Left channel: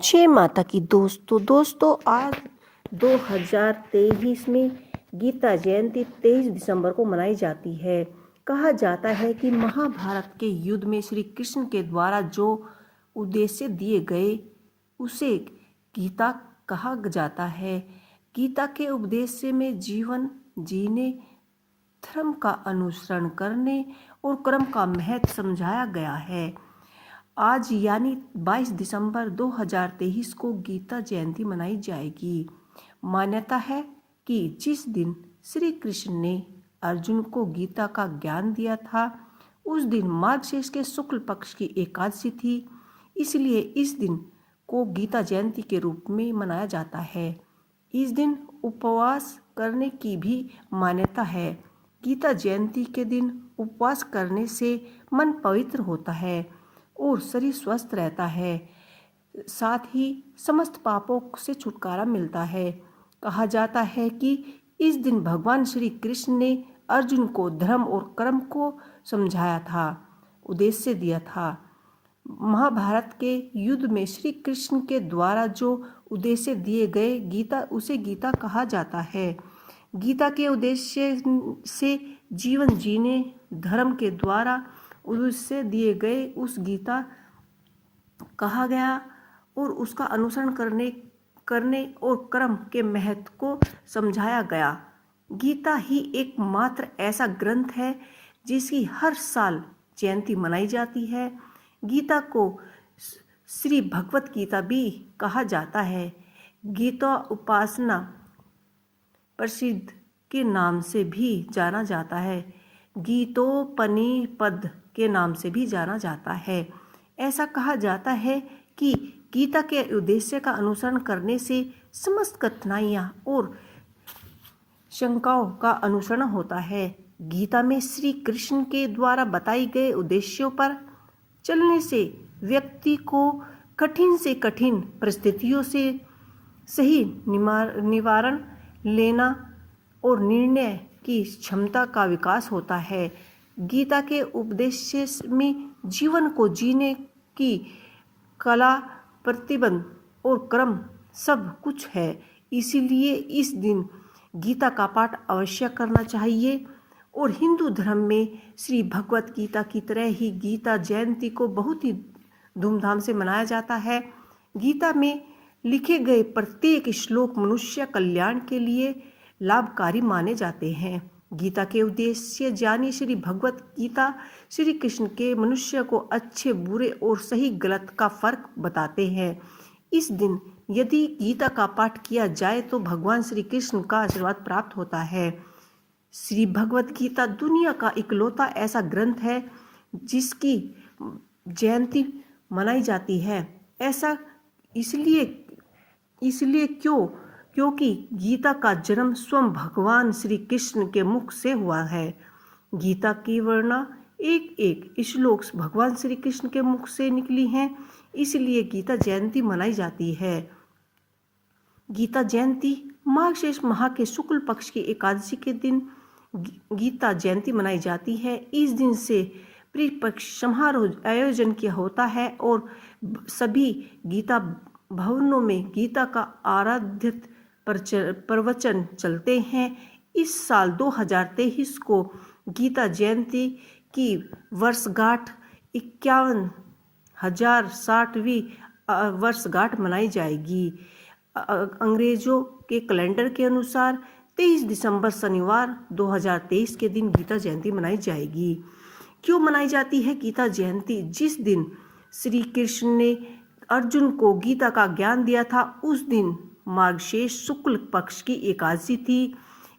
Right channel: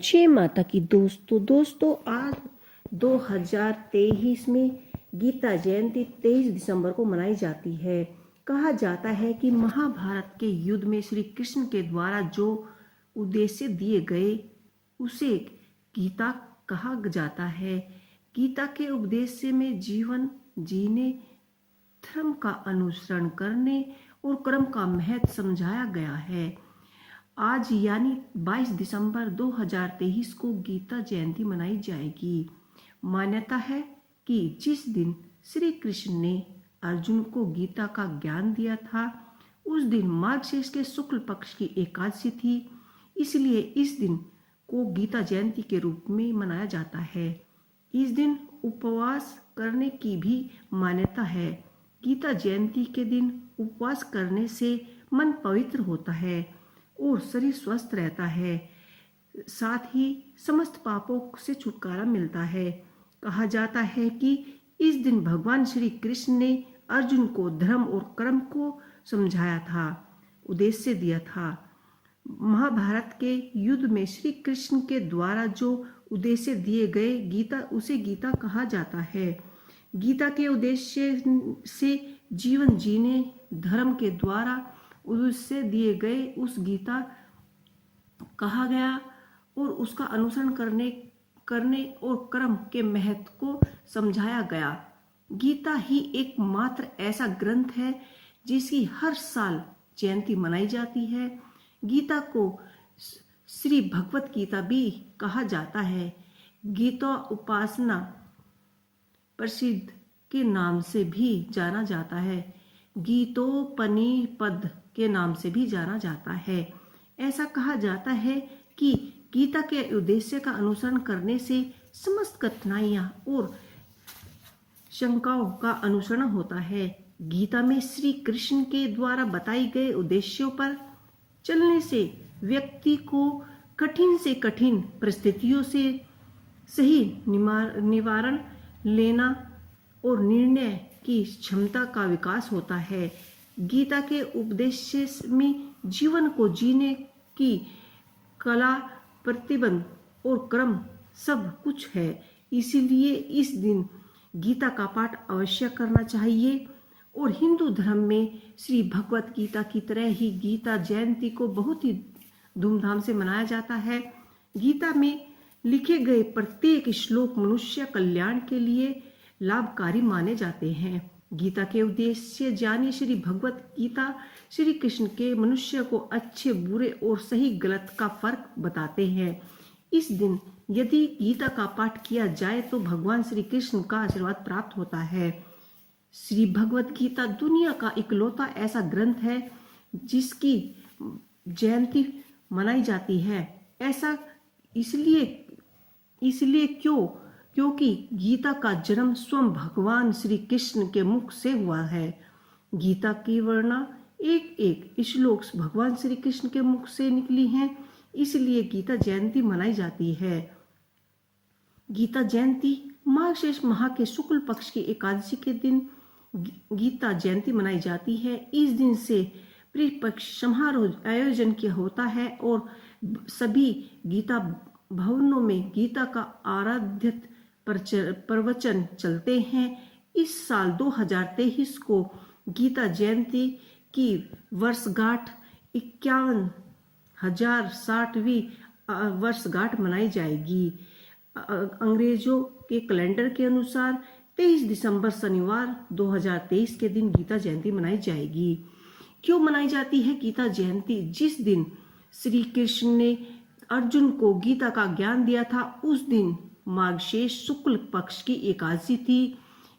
जय माता की दोस्तों आज 2023 में गीता जयंती 23 दिसंबर को मनाई जाती है। कहा जाता है कि महाभारत के युद्ध में श्री कृष्ण के द्वारा जो उद्देश्य दिए गए उसे गीता कहा जाता है। गीता के उद्देश्य में जीवन जीने, धर्म का अनुसरण करने और कर्म का महत्व समझाया गया है। आज यानी 22 दिसंबर 2023 को गीता जयंती मनाई जाएगी। मान्यता है कि जिस दिन श्री कृष्ण ने अर्जुन को गीता का ज्ञान दिया था उस दिन मार्गशीर्ष के शुक्ल पक्ष की एकादशी थी, इसलिए इस दिन को गीता जयंती के रूप में मनाया जाता है। इस दिन उपवास करने की भी मान्यता है। गीता जयंती के दिन उपवास करने से मन पवित्र होता है और शरीर स्वस्थ रहता है, साथ ही समस्त पापों से छुटकारा मिलता है। कहा जाता है कि इस दिन भगवान श्री कृष्ण ने अर्जुन को धर्म और कर्म को समझाया था, उद्देश्य दिया था। महाभारत के युद्ध में श्री कृष्ण के द्वारा जो उद्देश्य दिए गए उसे गीता कहा जाता है। गीता के उद्देश्य से जीवन जीने, धर्म के द्वारा उससे दिए गए उस गीता कहा गया और उसका अनुसरण करने और कर्म के महत्व को समझाया गया। गीता ही एकमात्र ऐसा ग्रंथ है जिसकी हर साल जयंती मनाई जाती है। गीता को श्री भगवत गीता भी कहा जाता है। गीता उपासना प्रसिद्ध के नाम से भी जाना जाता है। गीतोपनिषद के नाम से भी जाना जाता है। ऐसा कहा जाता है कि गीता के उद्देश्य का अनुसरण करने से समस्त कठिनाइयाँ और शंकाओं का अनुसरण होता है। गीता में श्री कृष्ण के द्वारा बताई गए उद्देश्यों पर चलने से व्यक्ति को कठिन से कठिन परिस्थितियों से सही निवारण लेना और निर्णय की क्षमता का विकास होता है। गीता के उपदेश में जीवन को जीने की कला, प्रतिबंध और कर्म सब कुछ है। इसीलिए इस दिन गीता का पाठ अवश्य करना चाहिए और हिंदू धर्म में श्री भगवत गीता की तरह ही गीता जयंती को बहुत ही धूमधाम से मनाया जाता है। गीता में लिखे गए प्रत्येक श्लोक मनुष्य कल्याण के लिए लाभकारी माने जाते हैं। गीता के उद्देश्य जानी श्री भगवत गीता श्री कृष्ण के मनुष्य को अच्छे बुरे और सही गलत का फर्क बताते हैं। इस दिन यदि गीता का पाठ किया जाए तो भगवान श्री कृष्ण का आशीर्वाद प्राप्त होता है। श्री भगवत गीता दुनिया का इकलौता ऐसा ग्रंथ है जिसकी जयंती मनाई जाती है। ऐसा इसलिए क्योंकि गीता का जन्म स्वयं भगवान श्री कृष्ण के मुख से हुआ है। गीता की वर्णा एक एक श्लोक भगवान श्री कृष्ण के मुख से निकली हैं, इसलिए गीता जयंती मनाई जाती है। गीता जयंती मार्गशीर्ष माह के शुक्ल पक्ष की एकादशी के दिन गीता जयंती मनाई जाती है। इस दिन से प्रिपक्ष समारोह आयोजन किया होता है और सभी गीता भवनों में गीता का आराध्य प्रवचन चलते हैं। इस साल 2023 को गीता जयंती की वर्षगांठ 51,060वीं वर्षगांठ मनाई जाएगी। अंग्रेजों के कैलेंडर के अनुसार 23 दिसंबर शनिवार 2023 के दिन गीता जयंती मनाई जाएगी। क्यों मनाई जाती है गीता जयंती? जिस दिन श्री कृष्ण ने अर्जुन को गीता का ज्ञान दिया था उस दिन मार्गशीर्ष शुक्ल पक्ष की एकादशी थी,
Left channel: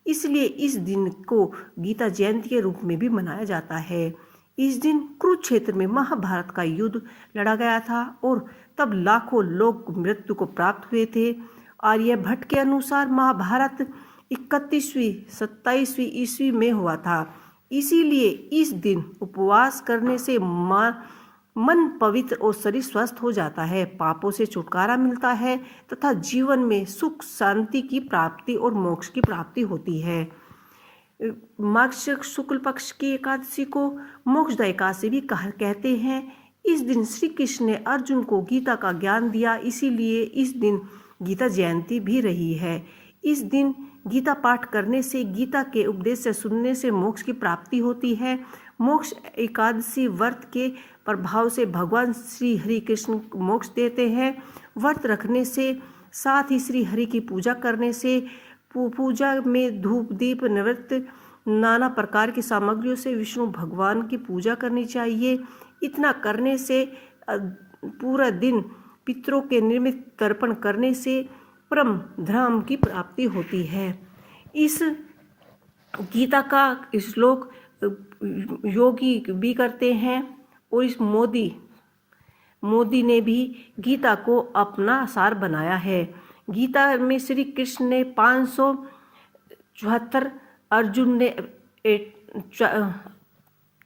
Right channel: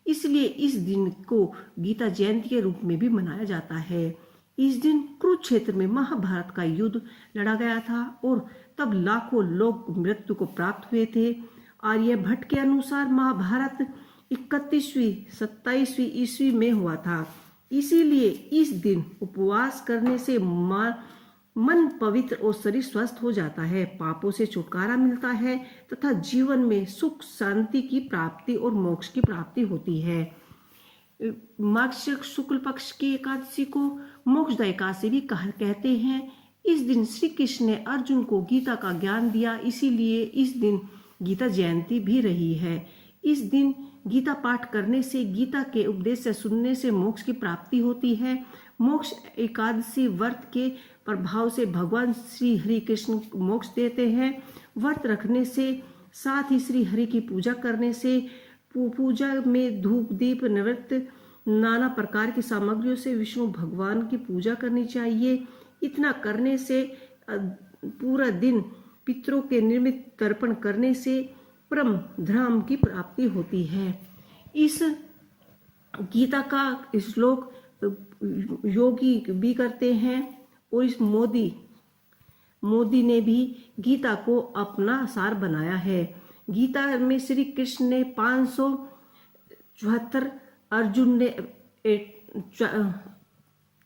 इसलिए इस दिन को गीता जयंती के रूप में भी मनाया जाता है। इस दिन कुरुक्षेत्र में महाभारत का युद्ध लड़ा गया था और तब लाखों लोग मृत्यु को प्राप्त हुए थे। आर्यभट्ट के अनुसार महाभारत 31वीं-27वीं ईस्वी में हुआ था। इसीलिए इस दिन उपवास करने से मन पवित्र और शरीर स्वस्थ हो जाता है, पापों से छुटकारा मिलता है तथा जीवन में सुख शांति की प्राप्ति और मोक्ष की प्राप्ति होती है। मार्गशीर्ष शुक्ल पक्ष की एकादशी को मोक्षदा एकादशी भी कहते हैं। इस दिन श्री कृष्ण ने अर्जुन को गीता का ज्ञान दिया, इसीलिए इस दिन गीता जयंती भी रही है। इस दिन गीता पाठ करने से, गीता के उपदेश से सुनने से मोक्ष की प्राप्ति होती है। मोक्ष एकादशी व्रत के प्रभाव से भगवान श्री हरि कृष्ण मोक्ष देते हैं। व्रत रखने से, साथ ही श्री हरि की पूजा करने से, पूजा में धूप दीप नैवेद्य नाना प्रकार की सामग्रियों से विष्णु भगवान की पूजा करनी चाहिए। इतना करने से पूरा दिन पितरों के निर्मित तर्पण करने से परम धाम की प्राप्ति होती है। इस गीता का श्लोक योगी भी करते हैं और इस मोदी ने भी गीता को अपना सार बनाया है। गीता में श्री कृष्ण ने 574, अर्जुन ने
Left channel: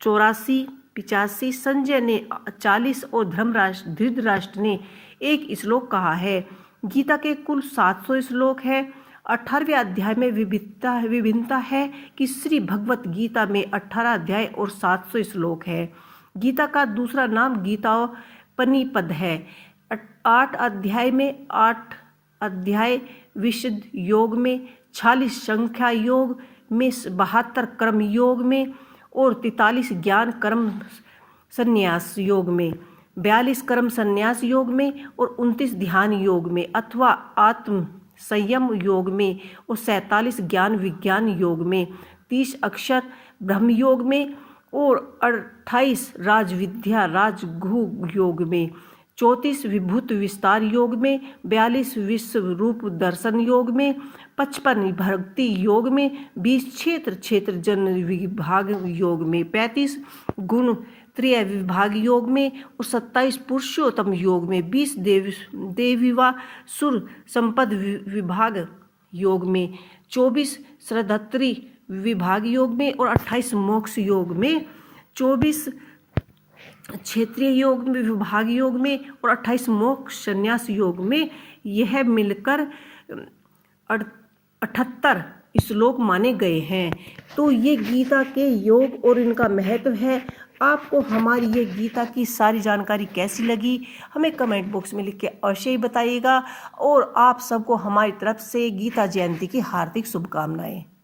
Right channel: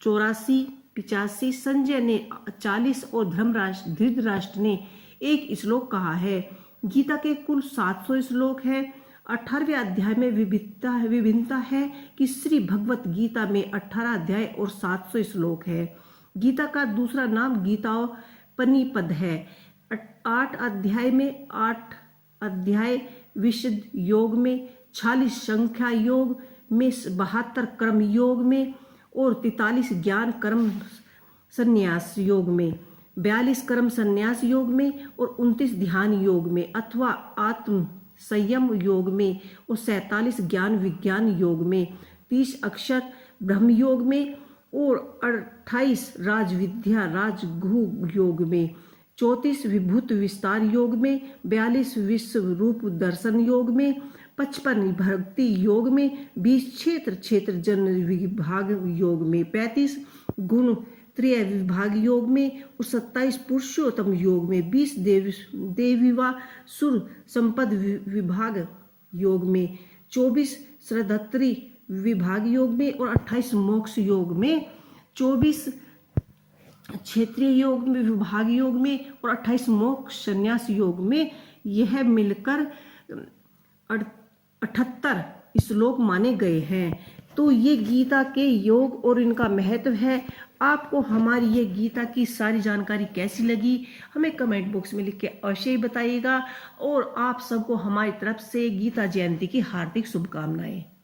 84-85, संजय ने 40 और धृतराष्ट्र ने 1 श्लोक कहा है। गीता के कुल 700 श्लोक हैं। 18वें अध्याय में विभिन्नता है कि श्री भगवत गीता में 18 अध्याय और 700 श्लोक है। गीता का दूसरा नाम गीतापनिपद है। 8 अध्याय में 8 अध्याय विशुद्ध योग में, 46 संख्या योग में, 72 कर्म योग में और 43 ज्ञान कर्म संन्यास योग में, 42 कर्म संन्यास योग में और 29 ध्यान योग में अथवा आत्म संयम योग में और 47 ज्ञान विज्ञान योग में, 30 अक्षर ब्रह्म योग में और 28 राजविद्या राजगुह योग में, 34 विभूत विस्तार योग में, 42 विश्व रूप दर्शन योग में, 55 भक्ति योग में, 20 क्षेत्र जन विभाग योग में, 35 गुण त्रय विभाग योग में और 27 पुरुषोत्तम योग में, 20 देवीवा सुर संपद विभाग योग में, 24 श्रद्धत्री विभाग योग में और 28 मोक्ष योग में, 24 क्षेत्रीय योग में विभाग योग में और 28 मोक्ष संन्यास योग में। यह मिलकर 78 श्लोक माने गए हैं। तो ये गीता के योग और इनका महत्व है। आपको हमारी ये गीता की सारी जानकारी कैसी लगी हमें कमेंट बॉक्स में लिख के अवश्य ही बताइएगा। और आप सबको हमारी तरफ से गीता जयंती की हार्दिक शुभकामनाएं।